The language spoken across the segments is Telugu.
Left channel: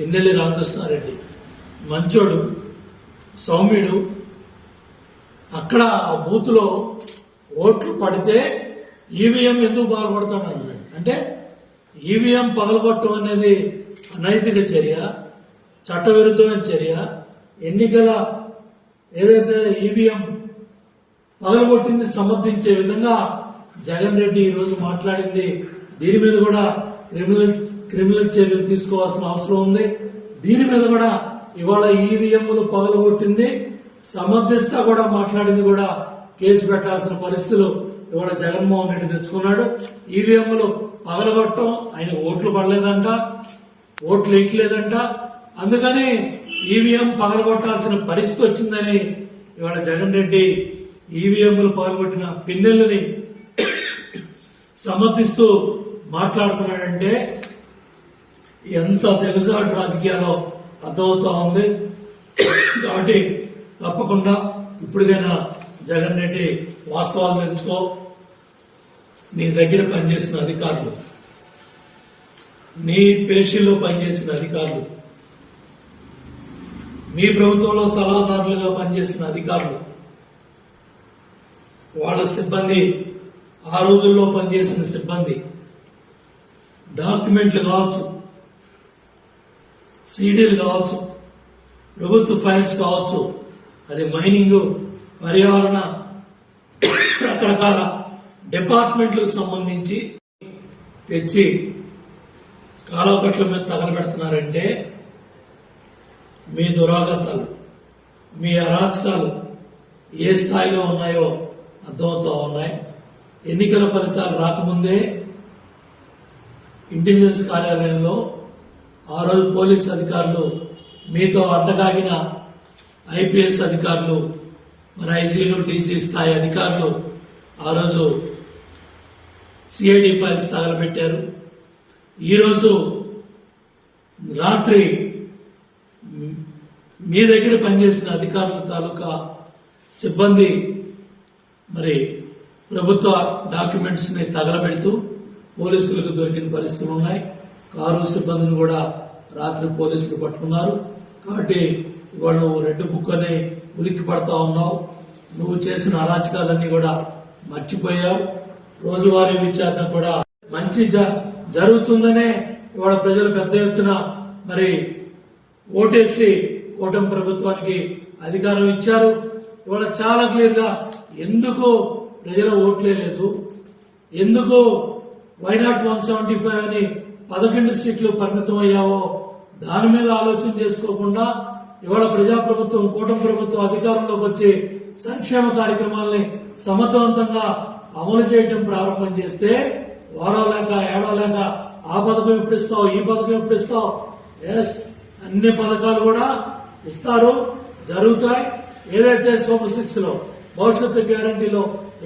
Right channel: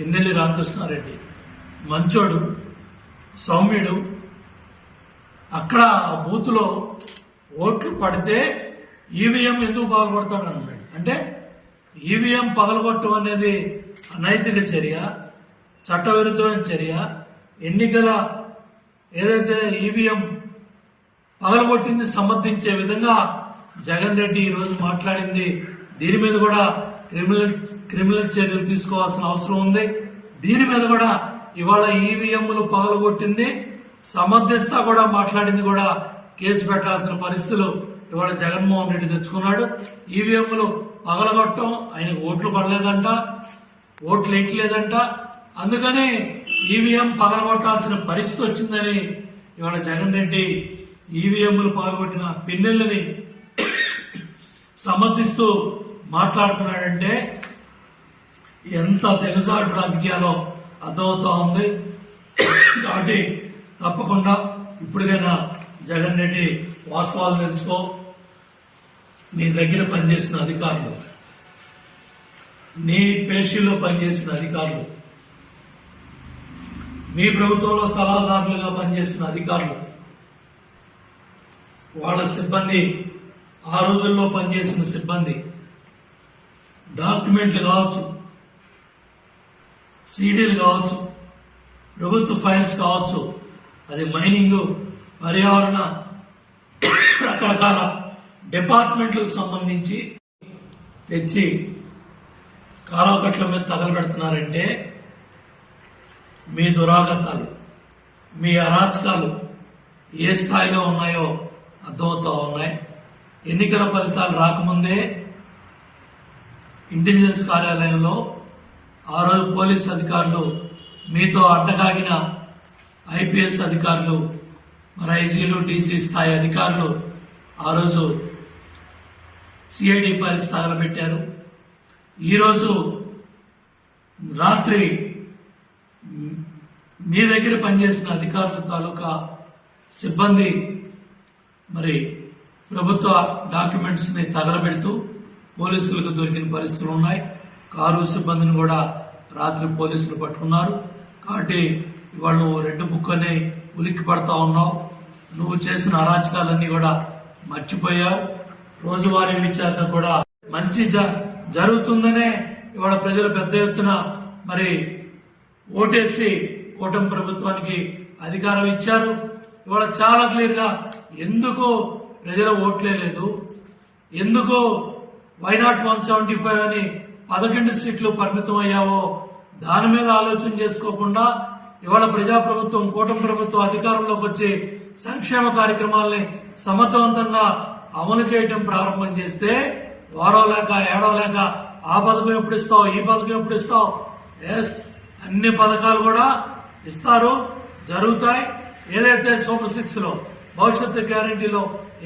ఎన్నెల్లి రామకృష్ణారెడ్డి మంచోడు, సౌమ్యుడు. అక్కడ ఆ బూత్ లో ఓట్లు పడితే ఈవీఎం ఎందుకు పగలగొడతాడు అన్నాడు. అంటే ఈవీఎం పగలగొట్టడం అనేది అనైతిక చర్య, చట్టవిరుద్ధమైన చర్య. ఎన్నికల ఏదైతే ఈవీఎం పగలగొట్టింది సమర్థించే విధంగా జగన్ రెడ్డి ఈ రోజు మాట్లాడింది. దీని మీద కూడా క్రిమినల్ చర్యలు తీసుకోవాల్సిన అవసరం ఉంది. దీని మీద కూడా ఇవాళ ఈవీఎంలు పగలగొట్టింది సమర్థిస్తా కూడా మాట్లాడింది కూడా కేసు పెట్టాల్సిన పరిస్థితులు ఇవాళ జగన్మోహన్ రెడ్డి తెచ్చుకున్నాడు. ఈవీఎంలు పగలగొట్టడం ఆయన ఓట్లు పడలేదంట, ఓట్లు వేయట్లేదంట. అందుకని ఈవీఎం పగలగొట్టాల్సిన పరిస్థితి వచ్చిందని ఇవాళ జగన్ రెడ్డి ఈవీఎంలు పగలగొట్టిన పిన్నెల్ని సమర్థిస్తూ మాట్లాడుతున్నాడంటే ఎంత తెగసాడు రాజకీయాల్లో అర్థమవుతా ఉంది. కాబట్టి తప్పకుండా ఇప్పటికైనా జగన్ రెడ్డి వాస్తవాలు తెలుసుకో. నీ దగ్గర పనిచేసిన అధికారులు, నీ పేషీల్లో పనిచేసిన అధికారులు, మీ ప్రభుత్వంలో సలహాదారులుగా పనిచేసిన అధికారులు, వాళ్ళ సిబ్బంది, ఆ రోజుల్లో పనిచేసిన సిబ్బంది, డాక్యుమెంట్లు కావచ్చు, సీడీలు కావచ్చు, ప్రభుత్వ ఫైల్స్ కావచ్చు, అది మైనింగ్, పర్యావరణ, రకరకాల డిపార్ట్మెంట్లకు సంబంధించి తెచ్చి కాలువకట్ల మీద తగలబెడుతున్నారంటే మీ దురాగతాలు, మీ అరాచకాలు ఏ స్థాయిలో ఉన్నాయో అర్థమవుతా ఉన్నాయి. ఎన్నికల ఫలితాలు రాకముందే ఇంటెలిజెన్స్ కార్యాలయంలో ఆ రోజు పోలీస్ అధికారులు, మీతో అడ్డగాగిన ఐపీఎస్ అధికారులు, మరి ఐసీలు, డీసీ స్థాయి అధికారులు ఆ రోజు సిఐడి ఫైల్స్ తగలబెట్టారు. ఈరోజు రాత్రి మీ దగ్గర పనిచేసిన అధికారుల తాలూకా సిబ్బంది మరి ప్రభుత్వ డాక్యుమెంట్స్ ని తగలబెడుతూ పోలీసులకు దొరికిన పరిస్థితులు ఉన్నాయి. కారు సిబ్బందిని కూడా రాత్రి పోలీసులు పట్టుకున్నారు. కాబట్టి ఇవాళ నువ్వు రెడ్ బుక్ అని ఉలిక్కి పడతా ఉన్నావు. నువ్వు చేసిన అరాచకాలన్నీ కూడా మర్చిపోయావు. రోజువారీ విచారణ కూడా మంచి జరుగుతుందనే ఇవాళ ప్రజలు పెద్ద ఎత్తున మరి ఓటేసి కూటమి ప్రభుత్వానికి అధికారం ఇచ్చారు. ఇవాళ చాలా క్లియర్ గా ఎందుకు ప్రజల ఓట్లే లేదు, ఎందుకు వైనాట్ 175 అని 11 సీట్లు పరిమితం అయ్యావో దాని మీద ఆలోచన చేసుకోకుండా ఇవాళ ప్రజాప్రభుత్వం, కూటమి ప్రభుత్వం అధికారంలోకి వచ్చి సంక్షేమ కార్యక్రమాల్ని సమర్థవంతంగా అమలు చేయడం ప్రారంభం చేస్తే వారం లేక ఏడో లేక ఆ పథకం ఎప్పుడు ఇస్తావు, ఈ పథకం ఎప్పుడు ఇస్తావు, అన్ని పథకాలు కూడా ఇస్తారు, జరుగుతాయి. ఏదైతే సూపర్ 6 లో, భవిష్యత్తు గ్యారంటీలో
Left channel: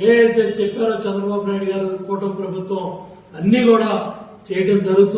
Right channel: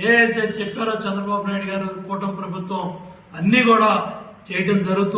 ఏదైతే చెప్పారో చంద్రబాబు నాయుడు గారు, కూటమి ప్రభుత్వం అన్ని కూడా చేయడం జరుగుతుంది.